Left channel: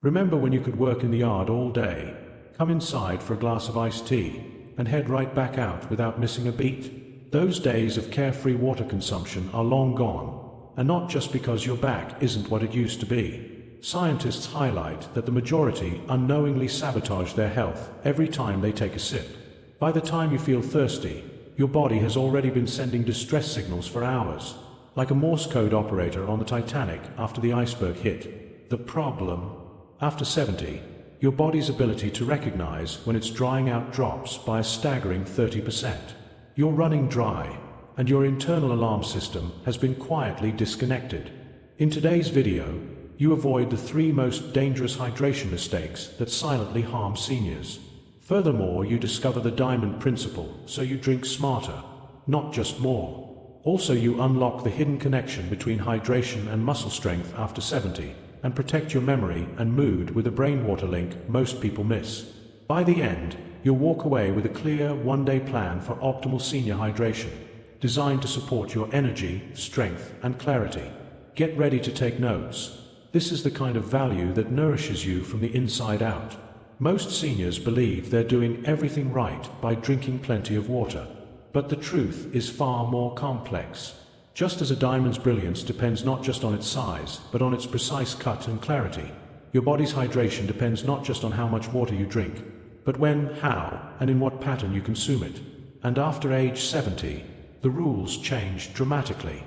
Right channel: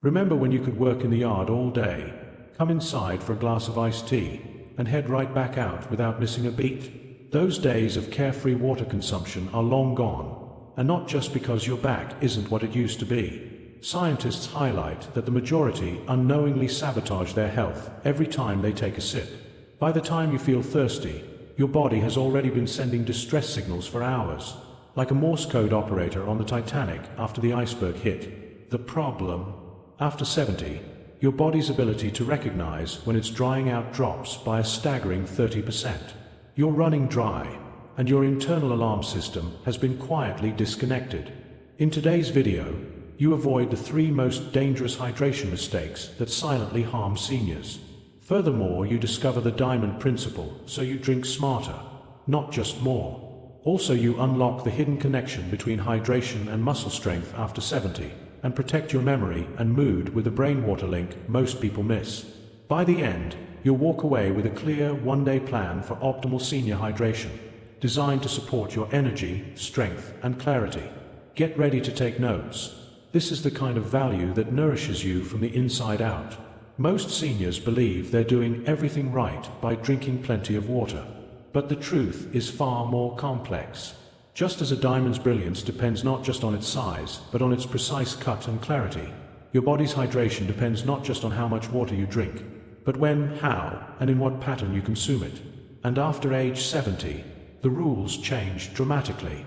Remember when you could work in the yard all day, come inside for a glass of iced tea, and head right back out without missing a beat? Those days of carefree water consumption are long gone, and not just because your back isn't what it used to be. Scientists highlight that the majority unknowingly sabotage their health every time they take a sip. By the time you feel thirsty, your body has already been sending distress signals for hours, like a Morse code operator on the Titanic after the iceberg hit. The problem? After 70, your body's ability to recognize when it's drying out drops by a staggering 30%. You're running dry, and your internal alarm system has been quietly disconnected. In today's video, you avoid the 3 most dangerous hydration mistakes that silently harm seniors. Furthermore, you discover the diamond principle, so you drink smarter, not just more. Also, you unlock the hidden connection between hydration and muscle strength after 70, and protect your memory and mood with a brain water link most people miss. By the end, you'll walk away with a clear one-day plan for optimal senior hydration, designed to support your energy, strength, and clarity. Get ready to take notes. This is the kind of value that nourishes you from the inside out. Most seniors believe they're doing everything right by drinking plenty of water. But the truth is far more complex. Just as a diamond's brilliance depends not just on its size, but on its precise cut and clarity, your body's hydration depends not just on how much water you drink, but when, how, and in what pattern you consume it. And after age 70, the rules change dramatically.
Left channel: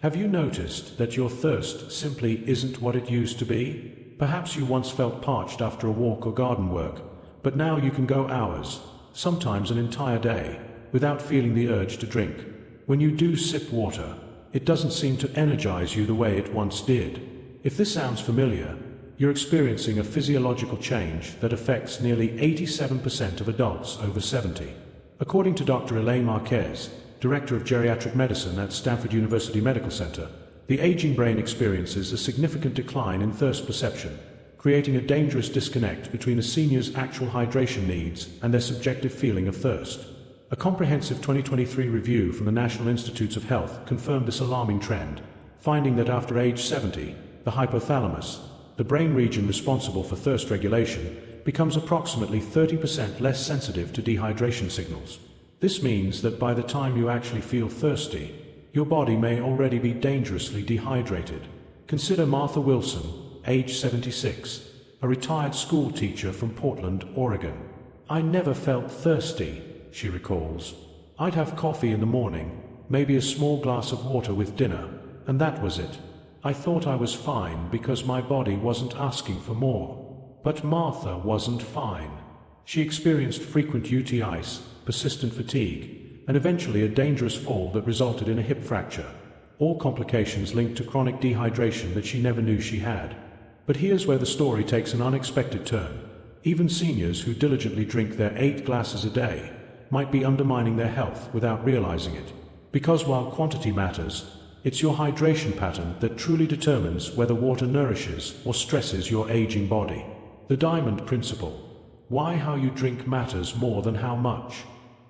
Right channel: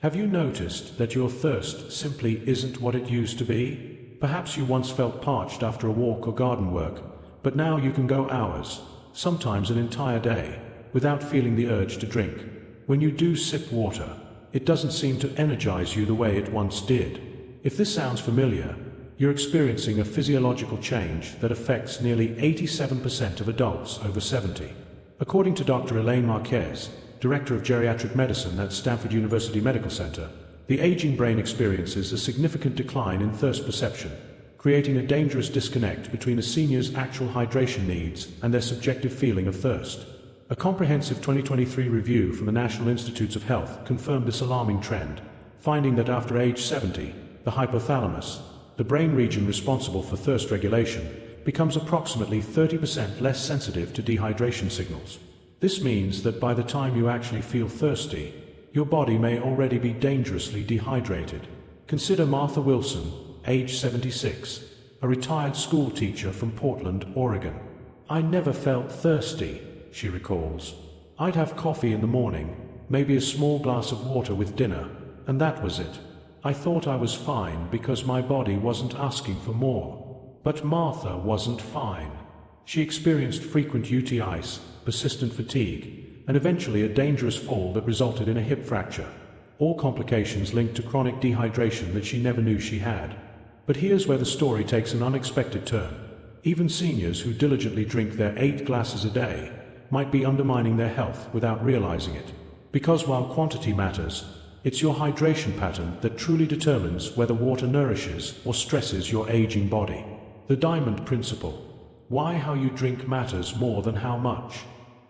Have you noticed that your thirst simply isn't what it used to be? Perhaps you once felt parched after a walk or garden work, but now you can go hours, sometimes an entire day, without feeling the urge to drink. When you do sip water, it doesn't seem to energize you the way it once did. If this sounds familiar, you're experiencing a physiological change that affects nearly 87% of adults over 70. According to Dr. Elaine Marquez, Director of Geriatric Medicine at Stanford University Medical Center, the aging brain experiences a significant decline in thirst perception, creating a dangerous disconnect between a senior's actual hydration needs and their subjective feeling of thirst. A comprehensive 2023 review from the National Institutes of Health confirmed this alarming trend, finding that after age 70, the hypothalamus, the brain region responsible for thirst regulation, becomes approximately 30% less sensitive to dehydration signals. This means that by the time you actually feel thirsty, your body may already be dangerously dehydrated. Consider Martha Wilson, age 76, a retired school teacher from Portland, Oregon. "I never felt thirsty," she recalls. "I'd have coffee in the morning, maybe a small glass of water with dinner, and that was it. I thought I was fine because my body wasn't asking for more." But Martha wasn't fine. She experienced frequent UTIs, persistent fatigue, and eventually a dangerous fall that resulted in a hip fracture. All complications linked to chronic dehydration that she never knew she had. But here's where the story takes an unexpected turn. Even seniors who diligently drink their 8 glasses a day might be undermining their health without realizing it. Because while quantity matters, it's your hydration pattern that truly determines whether water nourishes or stresses your aging body. The diamond principle. Why how you drink matters more than how much.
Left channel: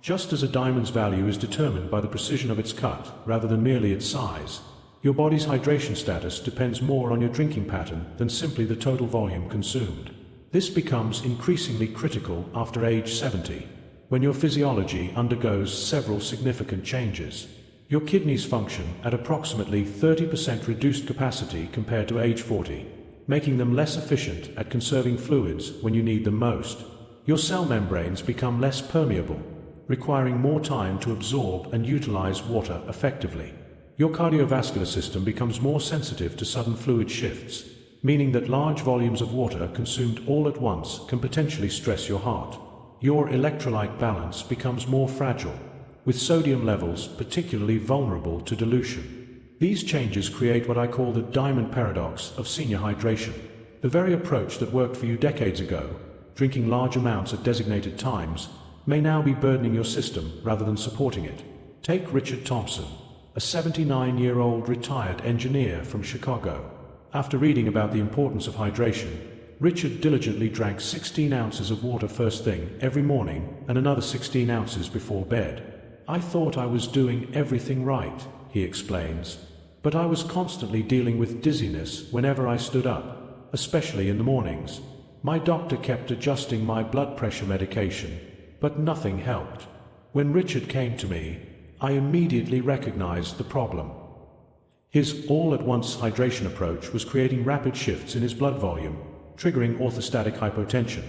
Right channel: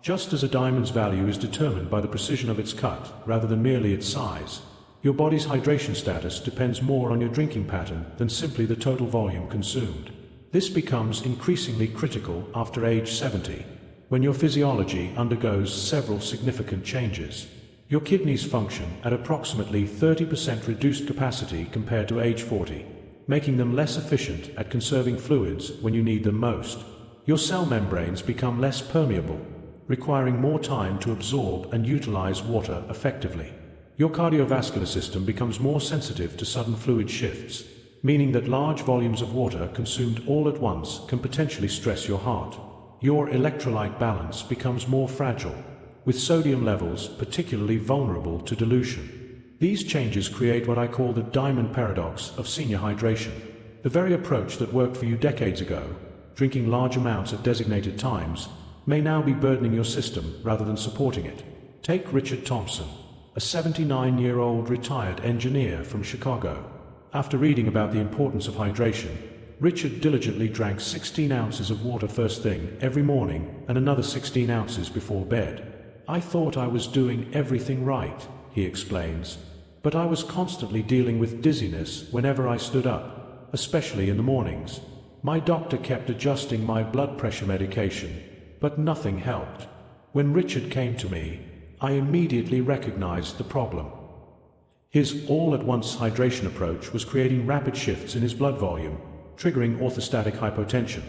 Just as a diamond's value is determined by the precision of its cut rather than merely its size, your body's hydration status depends more on your drinking pattern than simply the total volume consumed. This becomes increasingly critical after age 70, when your physiology undergoes several significant changes. Your kidneys function at approximately 30% reduced capacity compared to age 40, making them less efficient at conserving fluids when you need them most. Your cell membranes become less permeable, requiring more time to absorb and utilize water effectively. Your cardiovascular system becomes more sensitive to sudden fluid shifts, meaning that large volumes of water consumed all at once can potentially stress your heart. Your electrolyte balance becomes more fragile, with sodium levels particularly vulnerable to dilution. These changes create what I call the diamond paradox of senior hydration. The very approach that worked for you decades ago, drinking large amounts at designated times, may now be burdening your system rather than supporting it. Take Richard Thompson, a 79-year-old retired engineer from Chicago. After reading about the importance of hydration, Richard diligently drank 16 ounces of water first thing every morning and another 16 ounces before bed. "I thought I was doing everything right," he explains, "but I was constantly dealing with dizziness whenever I stood up. especially in the mornings. My doctor kept adjusting my blood pressure medication, but nothing helped. When Richard came to me, I immediately recognized the problem. His all-at-once hydration approach was creating rapid shifts in his blood volume, triggering orthostatic hypotension,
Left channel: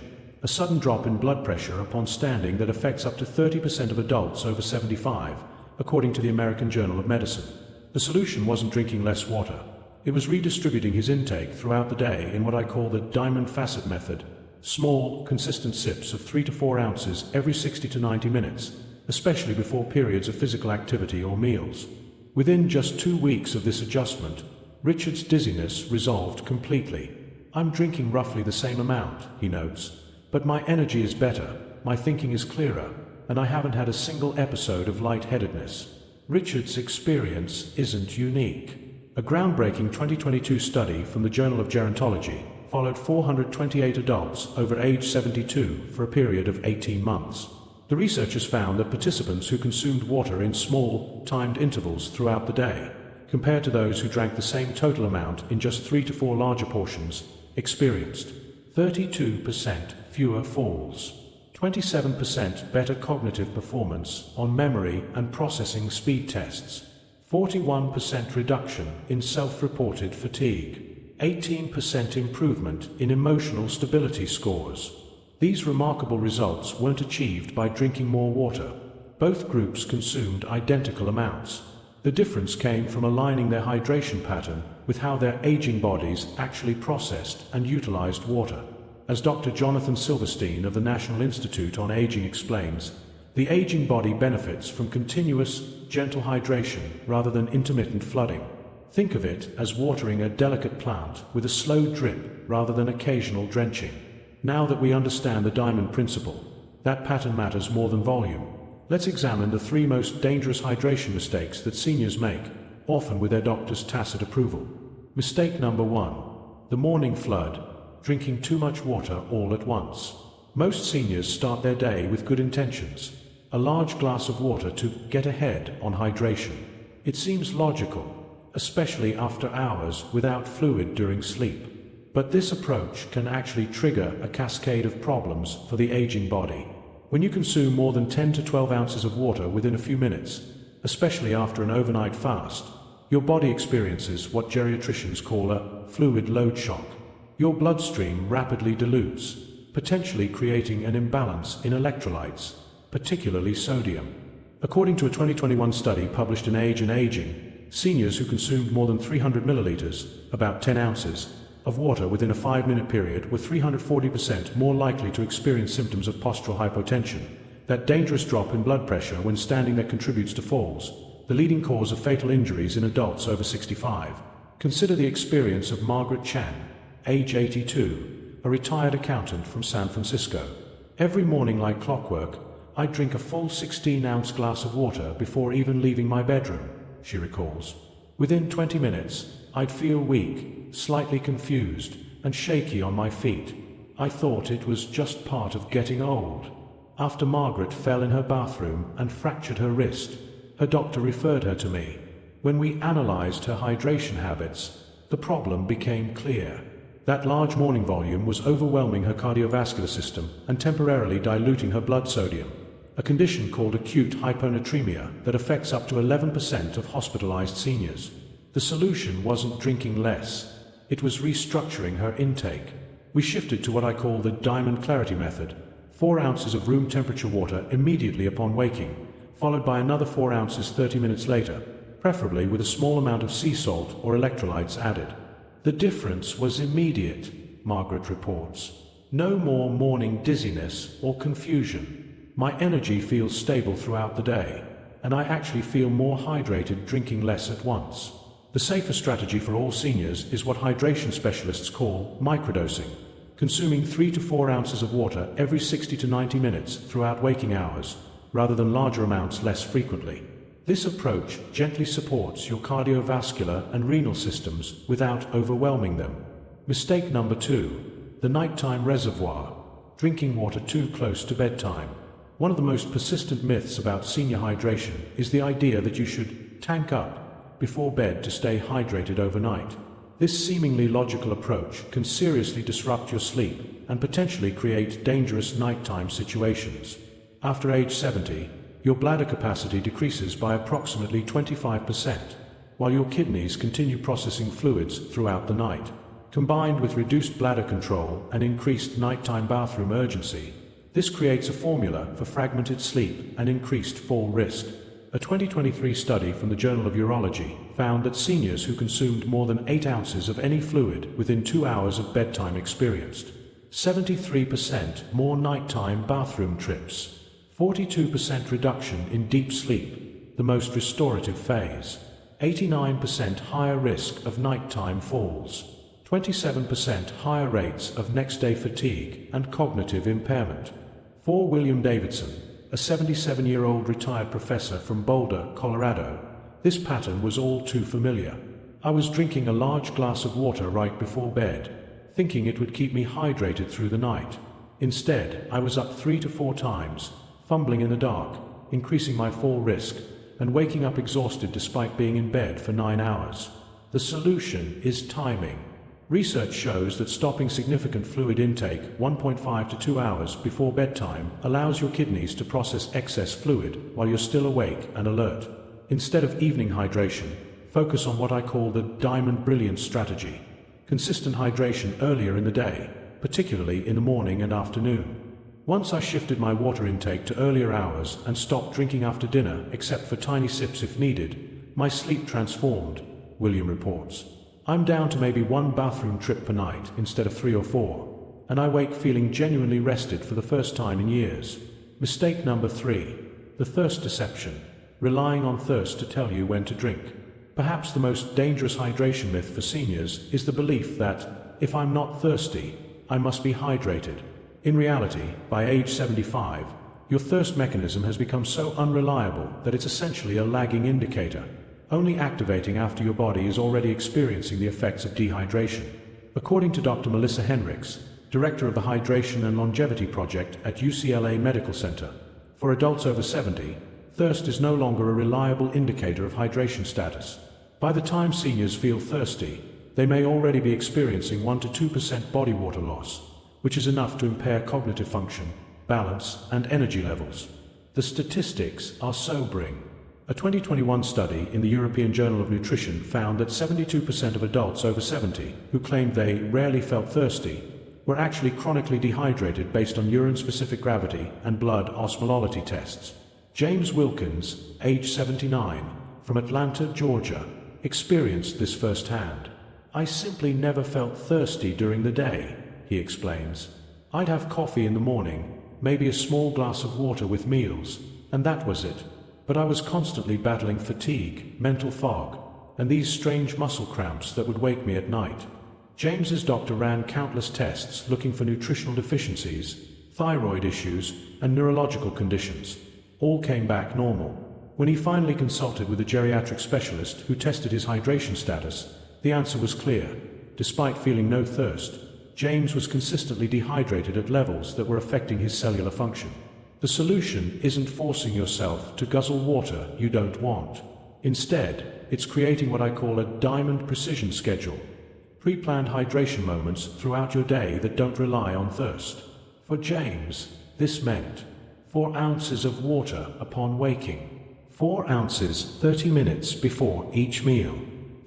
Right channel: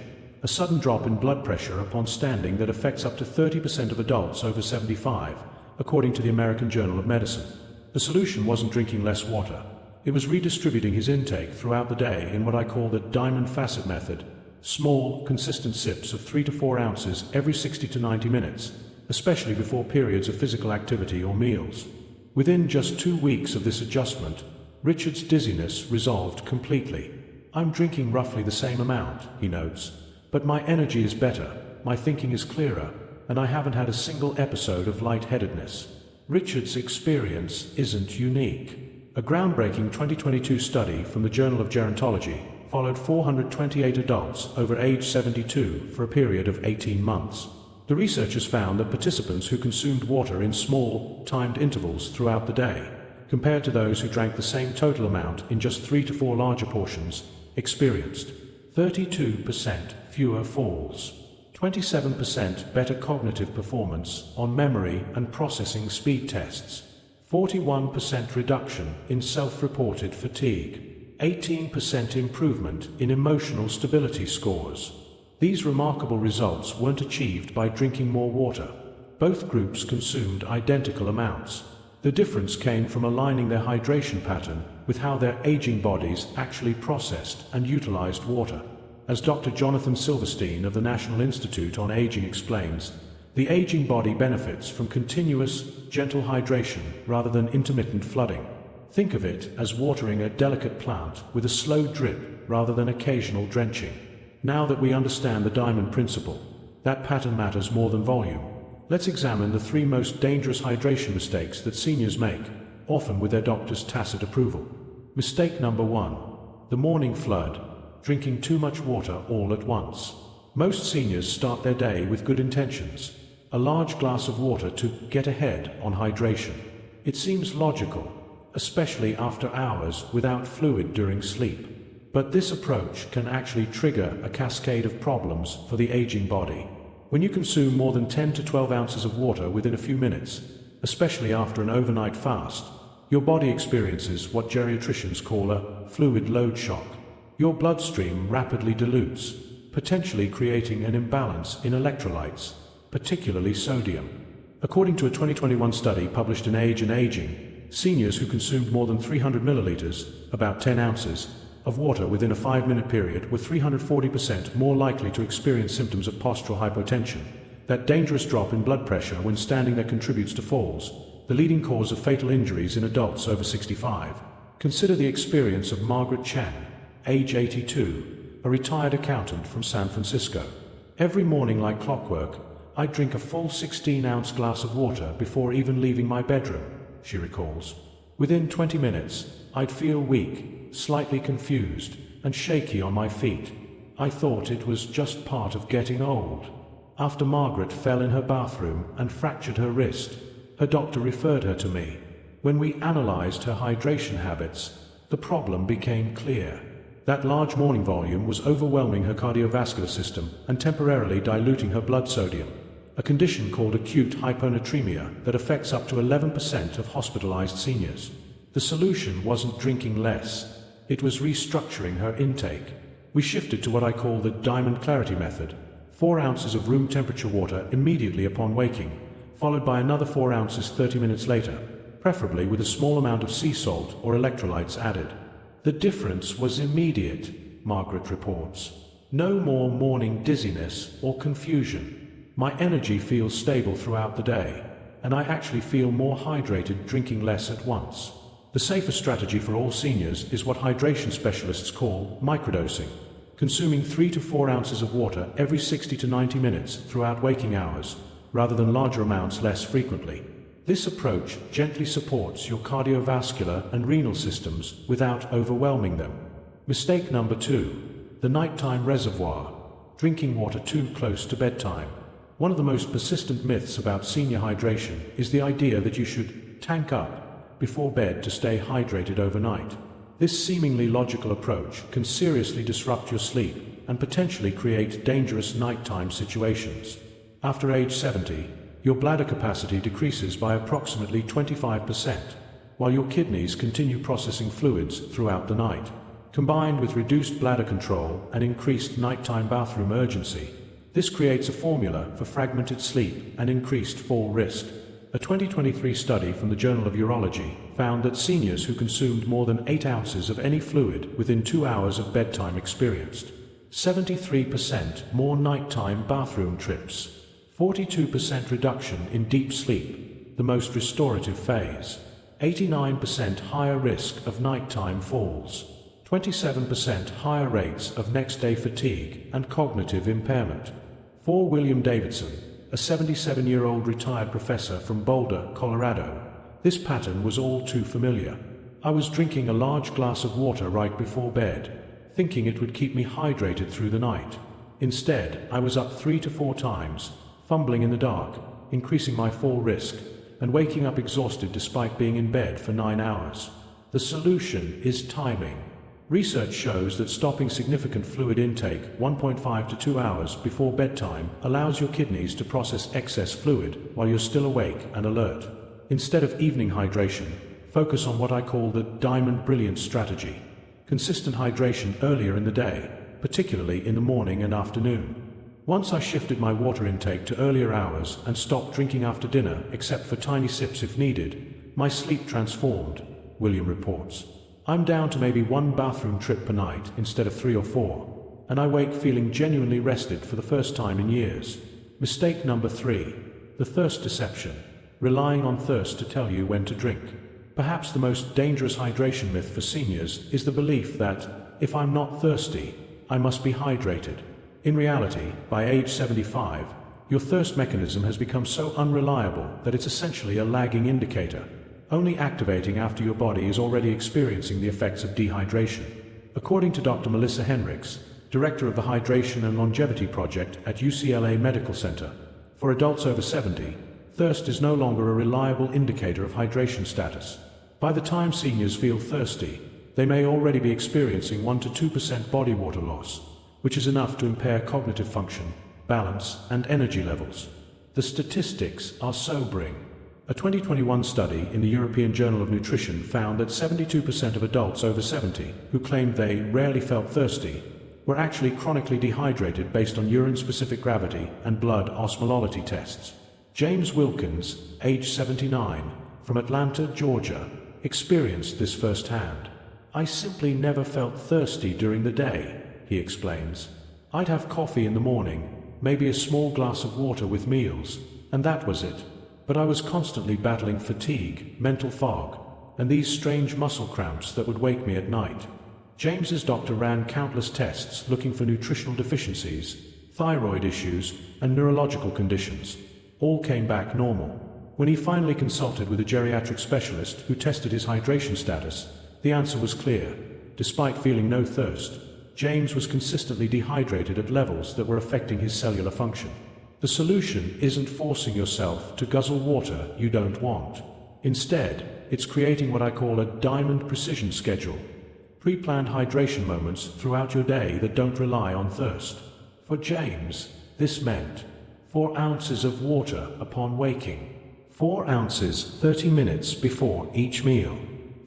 a sudden drop in blood pressure upon standing that affects up to 30% of adults over 75, according to the American Journal of Medicine. The solution wasn't drinking less water. It was redistributing his intake throughout the day in what I call the diamond facet method, small, consistent sips of 3 to 4 ounces every 60 to 90 minutes, especially before periods of physical activity or meals. Within just 2 weeks of this adjustment, Richard's dizziness resolved completely. I'm drinking roughly the same amount, he notes, but my energy is better, my thinking is clearer, and I haven't had a single episode of lightheadedness. Richard's experience isn't unique. A groundbreaking 2022 study from the Journal of Gerontology followed 428 adults over age 72 for a period of 18 months. The researchers found that participants who consumed water in small, timed intervals throughout the day, compared to those who drank the same total amount in just 3 to 4 larger portions, experienced 32% fewer falls, 27% better cognitive performance on memory and processing speed tests, 41% reduction in self-reported fatigue, 18% improvement in emotional stability scores. These remarkable results weren't achieved by drinking more water. Both groups consumed identical amounts. The difference came from aligning their hydration pattern with how their aging bodies actually processed and utilized water. As Dr. Jonathan Silverstein of the National Institute on Aging explains, the aging body benefits from continuous, gentle hydration rather than intermittent flooding. Think of it as watering a delicate plant with a slow drip rather than occasional drenching. Now that we understand the diamond principle, that pattern matters more than volume. Let's examine the 3 most dangerous hydration mistakes that seniors make, often with their doctor's tacit approval. Mistake number 1. The morning flood, drinking too much water all at once. Most seniors start their day with good intentions, a large glass of water to get ahead on hydration. It seems logical, especially after hours without fluid during sleep. But this approach can actually trigger a cascade of problems for the aging body. When you consume more than 10 to 12 ounces of water within a few minutes, especially after an overnight fast, your body experiences what geriatricians call a fluid load shock. Your bloodstream rapidly dilutes, potentially creating an imbalance in electrolytes, particularly sodium. According to a 2021 study published in Age and Aging, seniors who consumed more than 300 milliliters, about 10 ounces, of water within a 5-minute period were 340% more likely to experience symptoms of postural hypotension, that dangerous drop in blood pressure when standing that contributes to falls, the leading cause of fatal injuries in adults over 65. Consider the experience of Margaret Chan, age 82, a retired accountant from San Francisco. Every morning like clockwork, I'd drink a full 16-ounce glass of water before even leaving my bedroom, she recalls. Within 20 minutes, I'd feel weak, slightly confused, and shaky on my feet. I thought it was just part of getting old. After Margaret fell in her bathroom and fractured her wrist, her doctor referred her to me. When we analyzed her hydration habits, the problem became clear. That large morning volume was overwhelming her cardiovascular system and temporarily diluting her blood sodium, a condition called acute hyponatremia that affects up to 11% of hospitalized seniors. The solution wasn't drinking less. It was restructuring her intake. We shifted to what I call the diamond clarity method, 4 ounces of room temperature water immediately upon waking, followed by another 4 ounces 30 minutes later, preferably with a small amount of sea salt or electrolytes added. The difference was immediate, Margaret reports. No more morning dizziness or confusion. My energy feels stable throughout the day, and I actually feel more hydrated drinking less at once. The safer strategy for all seniors is what hydration specialists call microdosing, consuming 3 to 4 ounces of water every 60 to 90 minutes throughout waking hours, rather than larger amounts less frequently. This approach gently supports your cardiovascular and renal systems without overwhelming them. Mistake number 2, the nighttime reservoir, drinking water too close to bedtime. One of the most persistent myths about senior hydration is the idea that you should tank up before bed to stay hydrated overnight. This seemingly logical approach can seriously disrupt your sleep and potentially create dangerous nighttime situations. After age 70, your bladder capacity decreases by approximately 25%, while your kidneys continue processing fluids throughout the night. Combined with reduced bladder control and increased nighttime bathroom urgency, this creates a formula for fragmented sleep and increased fall risk. A 2023 study from the Journal of Urology found that seniors who consumed more than 8 ounces of any fluid within 2 hours of bedtime experienced 73% more nighttime bathroom trips, 42% reduction in deep sleep, the most restorative phase, 89% higher risk of nighttime falls, 27% higher rates of next-day fatigue and cognitive impairment. For William Davidson, a 77-year-old retired professor from Boulder, Colorado, this pattern was all too familiar. I was drinking a large glass of water right before bed, thinking it would keep me hydrated through the night. Instead, I was up 3 to 4 times, fumbling in the dark, increasing my fall risk, and waking up exhausted despite being in bed for 9 hours. The solution is timing. Research shows that stopping significant fluid intake 1.5 to 2 hours before bedtime allows your kidneys to process excess fluid while you're still awake and alert. Instead of evening hydration, focus on what I call the diamond brilliance strategy. Consistent hydration earlier in the day, particularly in the morning and afternoon. Once I shifted my water intake to earlier hours and stopped drinking after dinner except for tiny sips if needed, my sleep transformed, William reports. I'm down to maybe 1 bathroom trip per night instead of 3 or 4, and I wake feeling genuinely rested for the first time in years. Mistake number 3, the thirst deception, relying on thirst to tell you when to drink. Perhaps the most dangerous hydration myth for seniors is the belief that, if I'm not thirsty, I must be hydrated. In reality, by age 75, your thirst mechanism has become so unreliable that it's essentially a lagging indicator, only activating after your body is already experiencing the effects of dehydration. According to Dr. Melissa Henricks, director of the Hydration and Longevity Project at UCLA Medical Center, for adults over 70, thirst is no longer a reliable indicator of hydration status. By the time seniors feel thirsty, they may already be experiencing 1 to 2% body water loss, which is enough to impair cognitive function, balance, and energy levels. The statistics are sobering. A 2021 study in the European Journal of Nutrition found that 72% of adults over 70 who claimed they rarely felt thirsty were actually chronically dehydrated based on urine-specific gravity and blood osmolality tests. James Wilkins, age 79, from Atlanta, Georgia, experienced this firsthand. I simply never felt thirsty during the day, he explains. I'd have coffee in the morning, maybe a small glass of water with meals, and that was it. But I was constantly battling fatigue, mental fog, and these strange muscle cramps that would wake me at night. James's doctor ran countless tests looking for nutritional deficiencies, thyroid issues, and neurological conditions. All came back normal. When he finally consulted with a geriatric specialist who tested his hydration status, the answer was clear. Despite feeling no thirst, James was consistently dehydrated at levels that were affecting his cellular function. The solution isn't forcing yourself to guzzle water you don't want. Instead, it's creating what I call a diamond precision schedule. Pre-planned hydration moments throughout your day that don't rely on thirst. For James, this meant 4 ounces of water upon waking, 4 ounces 30 minutes before each meal,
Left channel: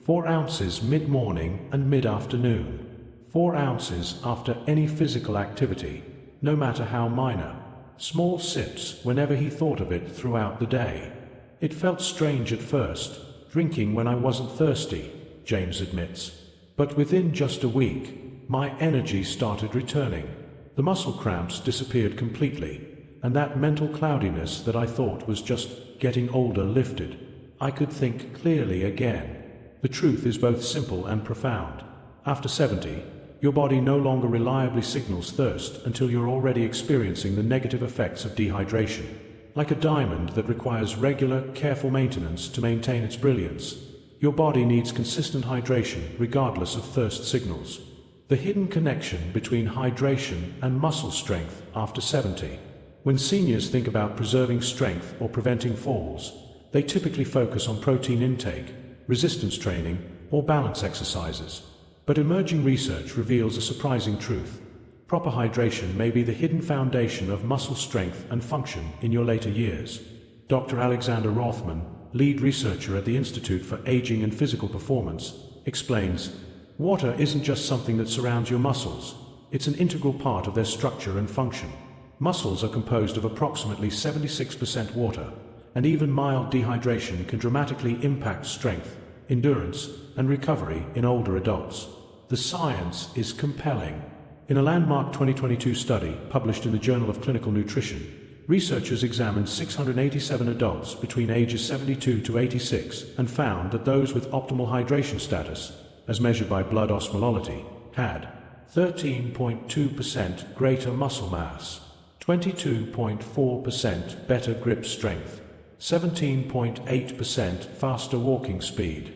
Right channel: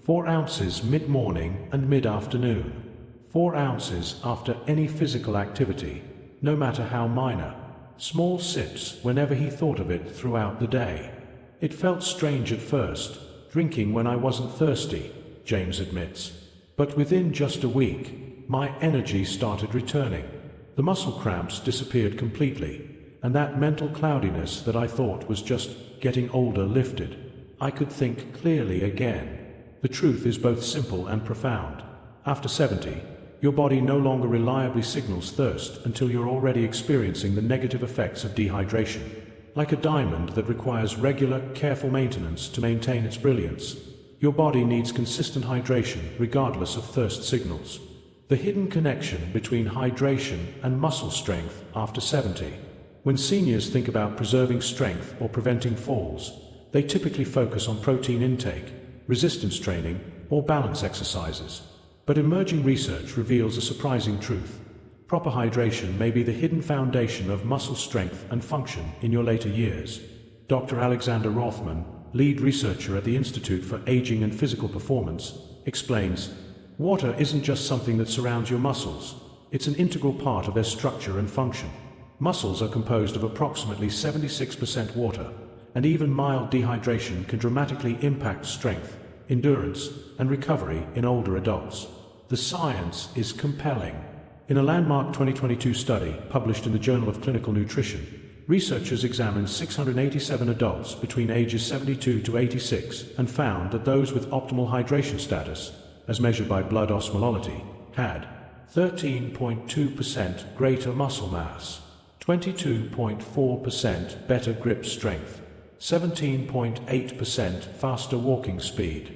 4 ounces mid-morning and mid-afternoon, 4 ounces after any physical activity, no matter how minor. Small sips whenever he thought of it throughout the day. It felt strange at first, drinking when I wasn't thirsty, James admits. But within just a week, my energy started returning. The muscle cramps disappeared completely, and that mental cloudiness that I thought was just getting older lifted. I could think clearly again. The truth is both simple and profound. After 70, your body no longer reliably signals thirst until you're already experiencing the negative effects of dehydration. Like a diamond that requires regular, careful maintenance to maintain its brilliance, your body needs consistent hydration regardless of thirst signals. The hidden connection between hydration and muscle strength after 70. When seniors think about preserving strength or preventing falls, they typically focus on protein intake, resistance training, or balance exercises. But emerging research reveals a surprising truth. Proper hydration may be the hidden foundation of muscle strength and function in your later years. Dr. Alexander Rothman, lead researcher at the Institute for Aging and Physical Performance, explains, water isn't just something that surrounds your muscles, it's an integral part of their structure and function. Muscles are composed of approximately 76% water, and even mild dehydration can dramatically impact strength, endurance, and recovery in older adults. The science is compelling. In a landmark 2022 study published in the Journal of Clinical Nutrition, researchers examined 687 adults between ages 72 to 86 and found that those with optimal hydration status, as measured by blood osmolality, had 13.2% greater muscle mass, 22.4% better grip strength, 17.8% faster walking speed,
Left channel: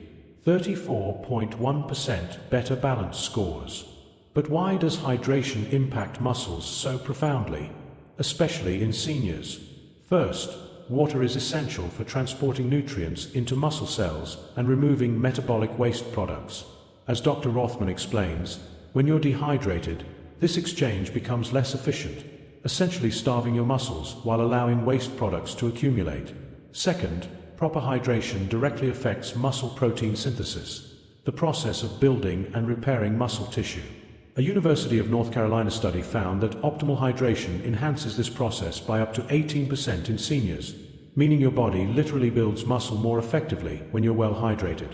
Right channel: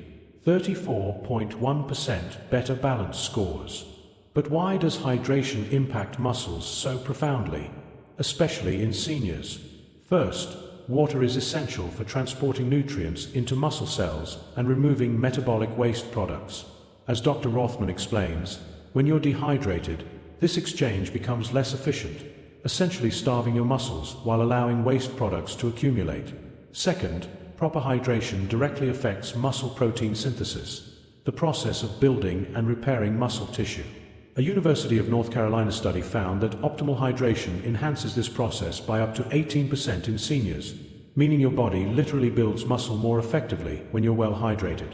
34.1% better balance scores. But why does hydration impact muscles so profoundly, especially in seniors? First, water is essential for transporting nutrients into muscle cells and removing metabolic waste products. As Dr. Rothman explains, when you're dehydrated, this exchange becomes less efficient, essentially starving your muscles while allowing waste products to accumulate. Second, proper hydration directly affects muscle protein synthesis, the process of building and repairing muscle tissue. A University of North Carolina study found that optimal hydration enhances this process by up to 18% in seniors, meaning your body literally builds muscle more effectively when you're well hydrated.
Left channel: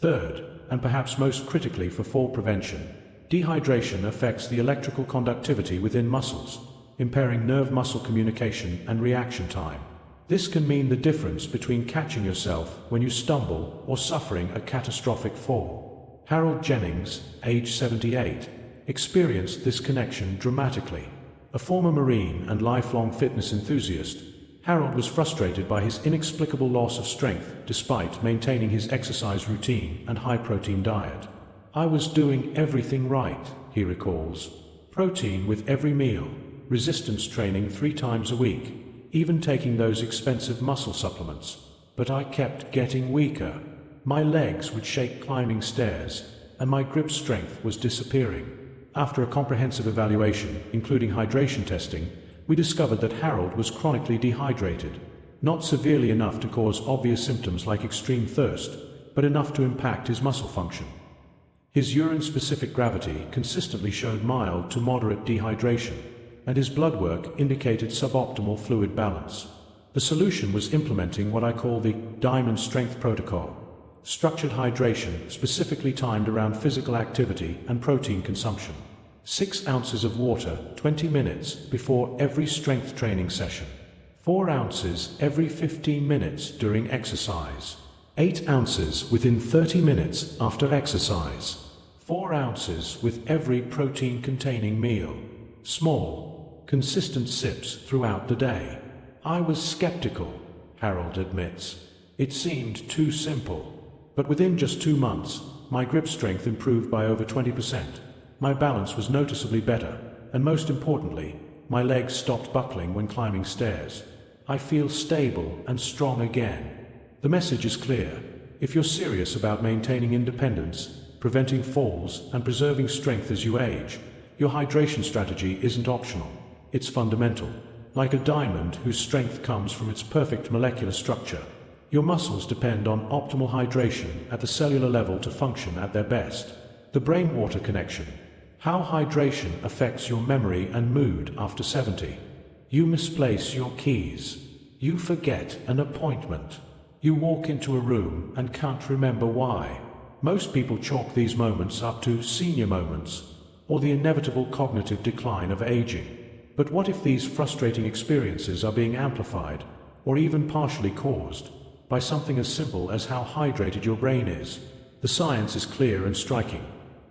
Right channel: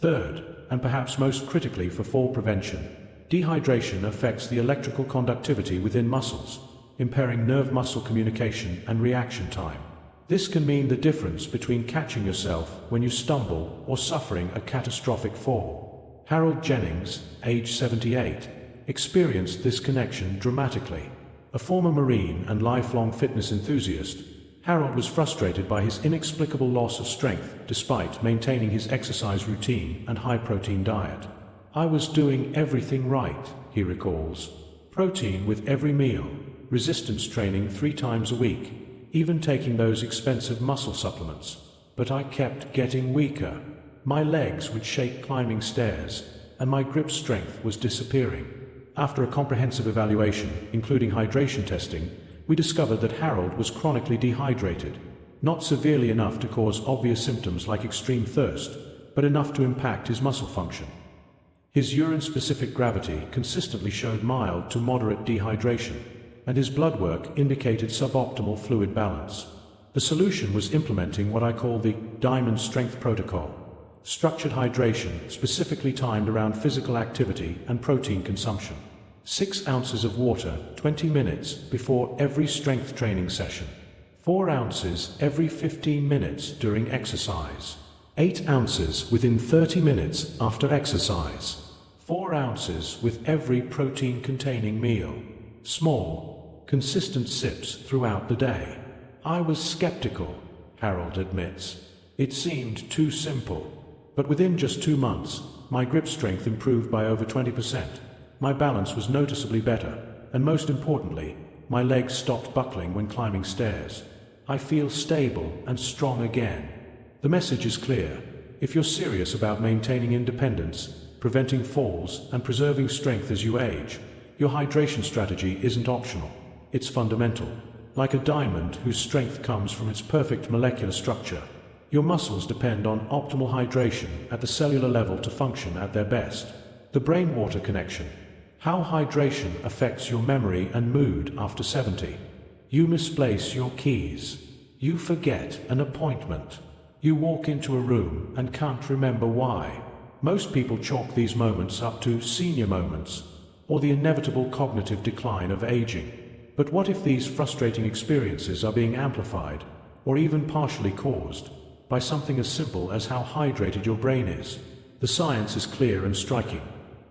Third, and perhaps most critically for fall prevention, dehydration affects the electrical conductivity within muscles, impairing nerve-muscle communication and reaction time. This can mean the difference between catching yourself when you stumble or suffering a catastrophic fall. Harold Jennings, age 78, experienced this connection dramatically. A former Marine and lifelong fitness enthusiast, Harold was frustrated by his inexplicable loss of strength despite maintaining his exercise routine and high-protein diet. "I was doing everything right," he recalls. "Protein with every meal, resistance training 3 times a week, even taking those expensive muscle supplements. But I kept getting weaker. My legs would shake climbing stairs, and my grip strength was disappearing." After a comprehensive evaluation, including hydration testing, we discovered that Harold was chronically dehydrated, not severely enough to cause obvious symptoms like extreme thirst, but enough to impact his muscle function. His urine-specific gravity consistently showed mild to moderate dehydration, and his blood work indicated suboptimal fluid balance. The solution was implementing what I call the Diamond Strength Protocol, structured hydration specifically timed around physical activity and protein consumption. 6 ounces of water 20 minutes before every strength training session. 4 ounces every 15 minutes during exercise. 8 ounces within 30 minutes after exercise. 4 ounces with every protein-containing meal. Small, consistent sips throughout the day. "I was skeptical," Harold admits. "It seemed too simple. But within just 2 months, my grip strength improved by over 20%. My balance was noticeably better, and most importantly, my legs stopped buckling when climbing stairs. I feel stable and strong again." The message is clear. If you're serious about maintaining independence, preventing falls, and preserving strength as you age, your hydration strategy isn't optional. It's fundamental. Like a diamond whose strength comes from its perfect molecular structure, your muscles depend on optimal hydration at the cellular level to function at their best. The brain-water connection. How hydration affects your memory and mood after 70. You misplace your keys. You forget an appointment. You walk into a room and can't remember why. Most people chalk these moments up to senior moments, or the inevitable cognitive decline of aging. But what if these frustrating experiences are being amplified, or even partially caused, by something as simple as how hydrated your brain is? The science is clear and striking.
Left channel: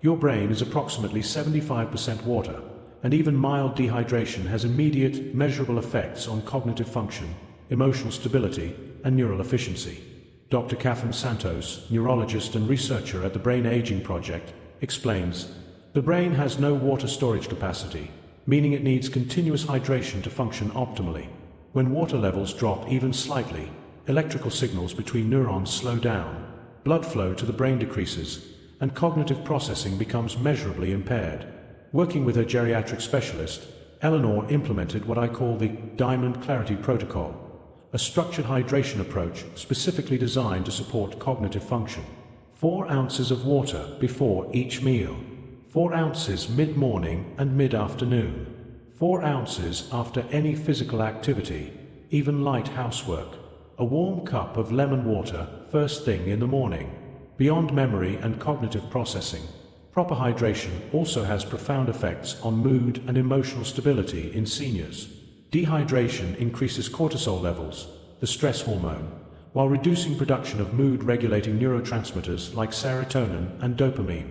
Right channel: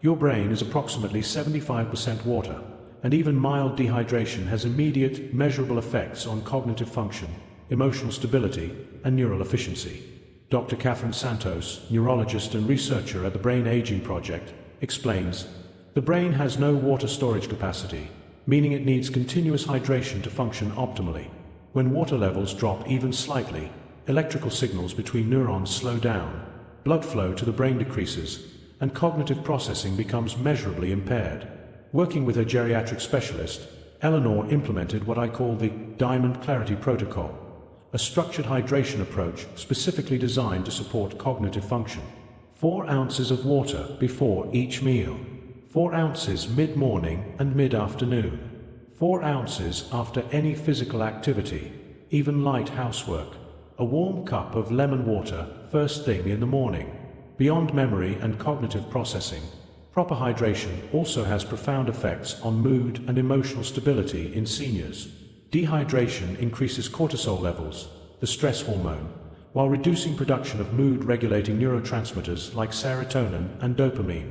Your brain is approximately 75% water, and even mild dehydration has immediate, measurable effects on cognitive function, emotional stability, and neural efficiency. Dr. Catherine Santos, neurologist and researcher at the Brain Aging Project, explains, "The brain has no water storage capacity, meaning it needs continuous hydration to function optimally. When water levels drop even slightly, electrical signals between neurons slow down, blood flow to the brain decreases, and cognitive processing becomes measurably impaired. Working with her geriatric specialist, Eleanor implemented what I call the Diamond Clarity Protocol, a structured hydration approach specifically designed to support cognitive function. 4 ounces of water before each meal, 4 ounces mid-morning and mid-afternoon, 4 ounces after any physical activity, even light housework, a warm cup of lemon water first thing in the morning. Beyond memory and cognitive processing, proper hydration also has profound effects on mood and emotional stability in seniors. Dehydration increases cortisol levels, the stress hormone, while reducing production of mood-regulating neurotransmitters like serotonin and dopamine.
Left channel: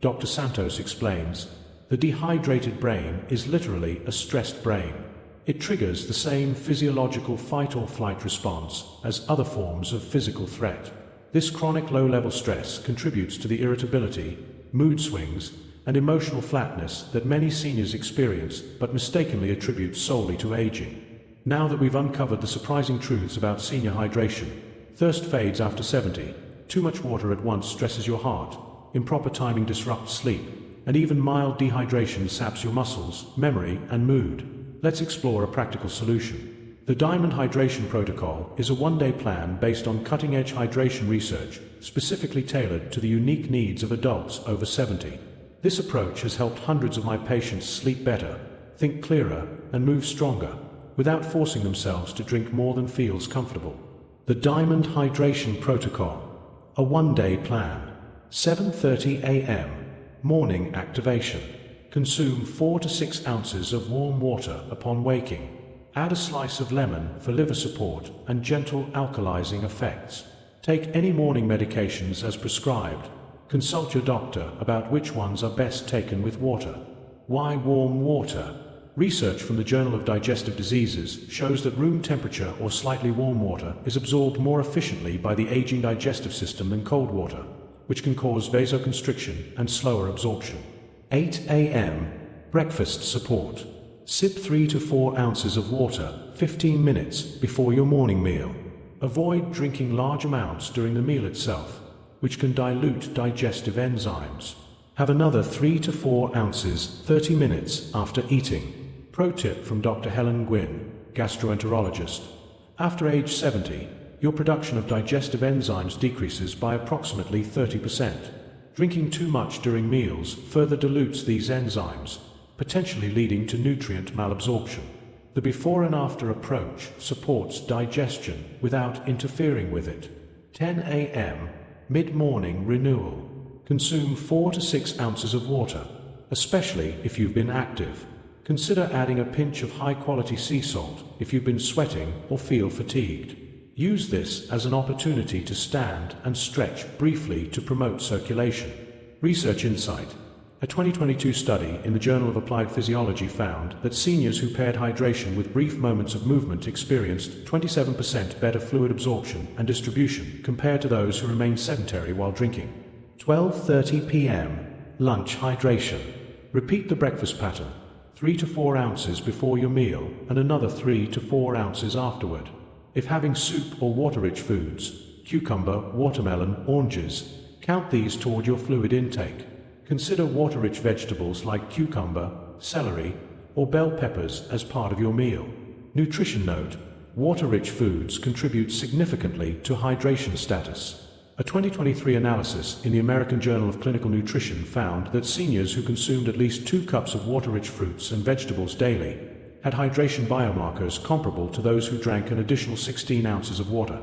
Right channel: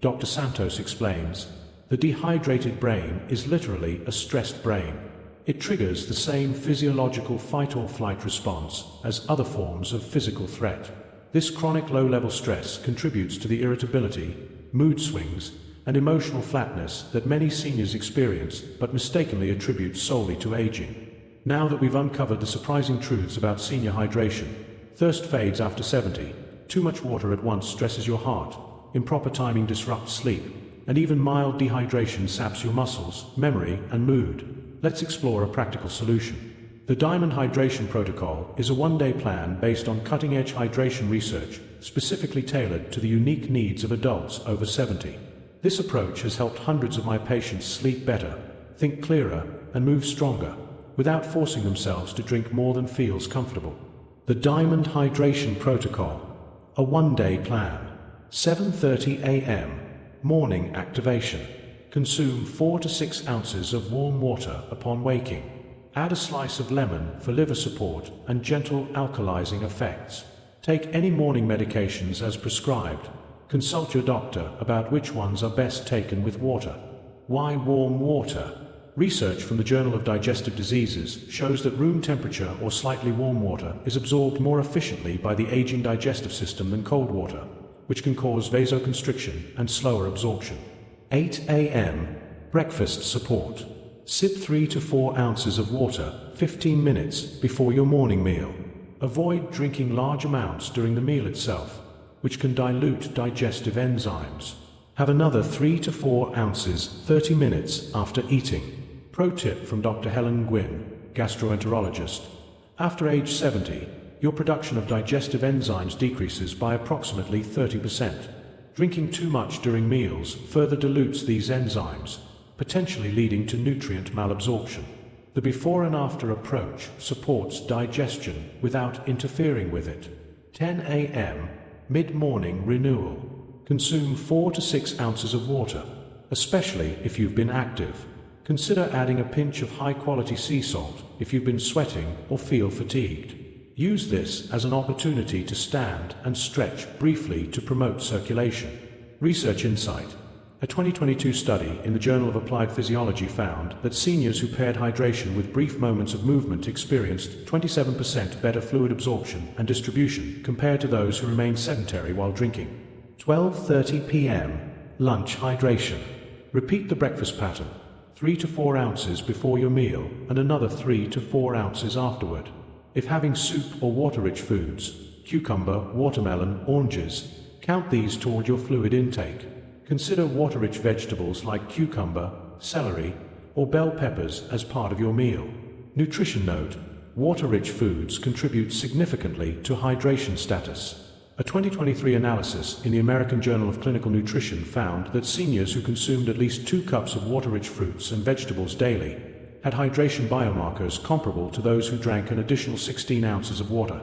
Dr. Santos explains, the dehydrated brain is literally a stressed brain. It triggers the same physiological fight-or-flight response as other forms of physical threat. This chronic low-level stress contributes to the irritability, mood swings, and emotional flatness that many seniors experience but mistakenly attribute solely to aging. Now that we've uncovered the surprising truths about senior hydration, thirst fades after 70, too much water at once stresses your heart, improper timing disrupts sleep, and even mild dehydration saps your muscles, memory, and mood. Let's explore a practical solution. The Diamond Hydration Protocol is a one-day plan based on cutting-edge hydration research specifically tailored to the unique needs of adults over 70. This approach has helped hundreds of my patients sleep better, think clearer, and move stronger, without forcing themselves to drink more than feels comfortable. The Diamond Hydration Protocol, a one-day plan. 7:30 a.m. Morning activation. Consume 4 to 6 ounces of warm water upon waking. Add a slice of lemon for liver support and gentle alkalizing effects. Take any morning medications as prescribed. Consult your doctor about which ones are best taken with water. Why warm water? Research from the Journal of Digestive Diseases shows that room temperature or slightly warm water is absorbed more efficiently by the aging digestive system than cold water, which can cause vasoconstriction and slower absorption. 8 a.m. Breakfast support. Sip 3 to 4 ounces of water 15 minutes before your morning meal. Avoid drinking large amounts during the meal itself, which can dilute digestive enzymes. Have another 3 to 4 ounces 30 minutes after eating. Pro tip from Dr. Helen Gwynn, gastroenterologist. After age 70, your production of digestive enzymes decreases by approximately 30%. Drinking too much during meals further dilutes these enzymes, potentially leading to nutrient malabsorption. The before and after approach supports digestion without interfering with it. 10 a.m. Mid-morning renewal. Consume 4 to 6 ounces of water, especially if you've been active. Consider adding a pinch of high-quality sea salt if you've been sweating or feel fatigued. Use this as an opportunity to stand and stretch briefly to promote circulation. Research insight. A 2022 study in the Journal of Applied Physiology found that seniors who paired hydration with brief moments of movement experienced 27% better fluid absorption and distribution compared to those who remained sedentary while drinking. 12:30 p.m. Lunch hydration. Repeat the breakfast pattern, 3 to 4 ounces before your meal and another 3 to 4 ounces afterward. If having soup or water-rich foods, cucumber, watermelon, oranges, count these toward your fluid intake. Consider water-rich vegetables like cucumber, celery, or bell peppers as part of your meal. Nutrition note: water-rich foods contribute significantly to hydration status. A 2023 analysis in the American Journal of Clinical Nutrition found that seniors who consumed at least 2 cups of water-rich fruits and vegetables daily had hydration biomarkers comparable to those who drank an additional 16 ounces of water.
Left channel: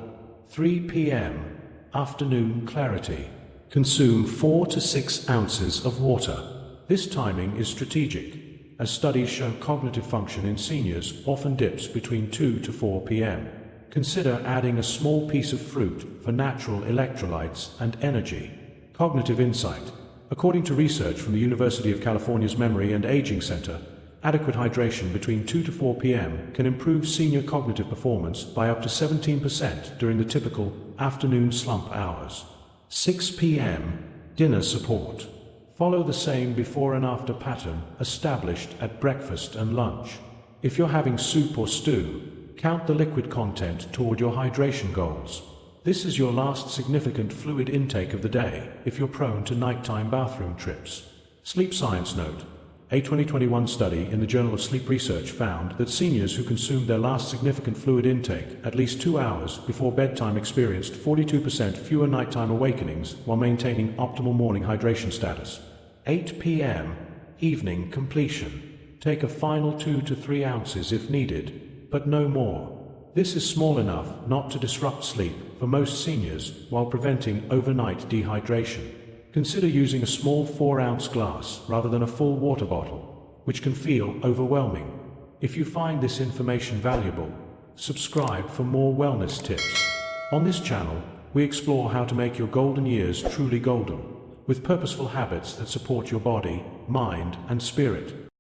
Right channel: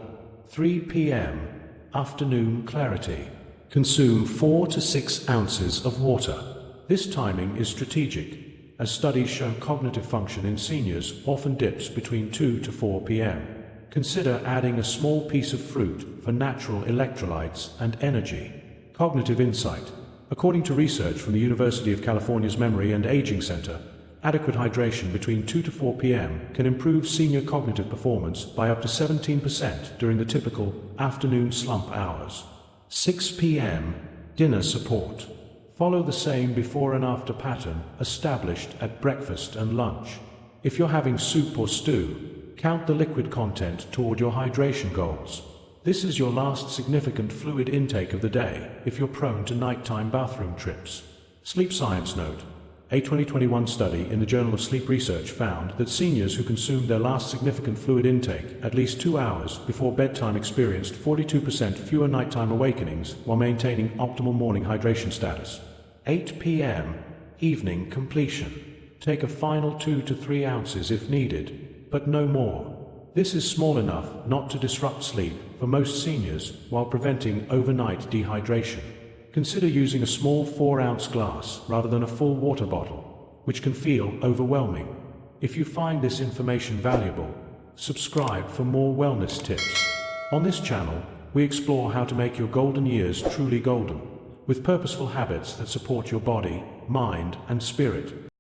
3 p.m. Afternoon clarity. Consume 4 to 6 ounces of water. This timing is strategic, as studies show cognitive function in seniors often dips between 2 to 4 p.m. Consider adding a small piece of fruit for natural electrolytes and energy. Cognitive insight. According to research from the University of California's Memory and Aging Center, adequate hydration between 2 to 4 p.m. can improve senior cognitive performance by up to 17% during the typical afternoon slump hours. 6 p.m. Dinner support. Follow the same before and after pattern established at breakfast and lunch. If you're having soup or stew, count the liquid content toward your hydration goals. This is your last significant fluid intake of the day if you're prone to nighttime bathroom trips. Sleep science note. A 2021 study in the Journal of Sleep Research found that seniors who consumed their last significant fluid intake at least 2 hours before bedtime experienced 42% fewer nighttime awakenings while maintaining optimal morning hydration status. 8 p.m. Evening completion. Take a final 2 to 3 ounces if needed, but no more. This is small enough not to disrupt sleep for most seniors while preventing overnight dehydration. Consider using a small 4-ounce glass rather than a full water bottle, which can feel overwhelming. If you find this information valuable, subscribe for more wellness tips. On this channel, we explore how to make your golden years truly golden, with purposeful habits that support your body, mind, and spirit.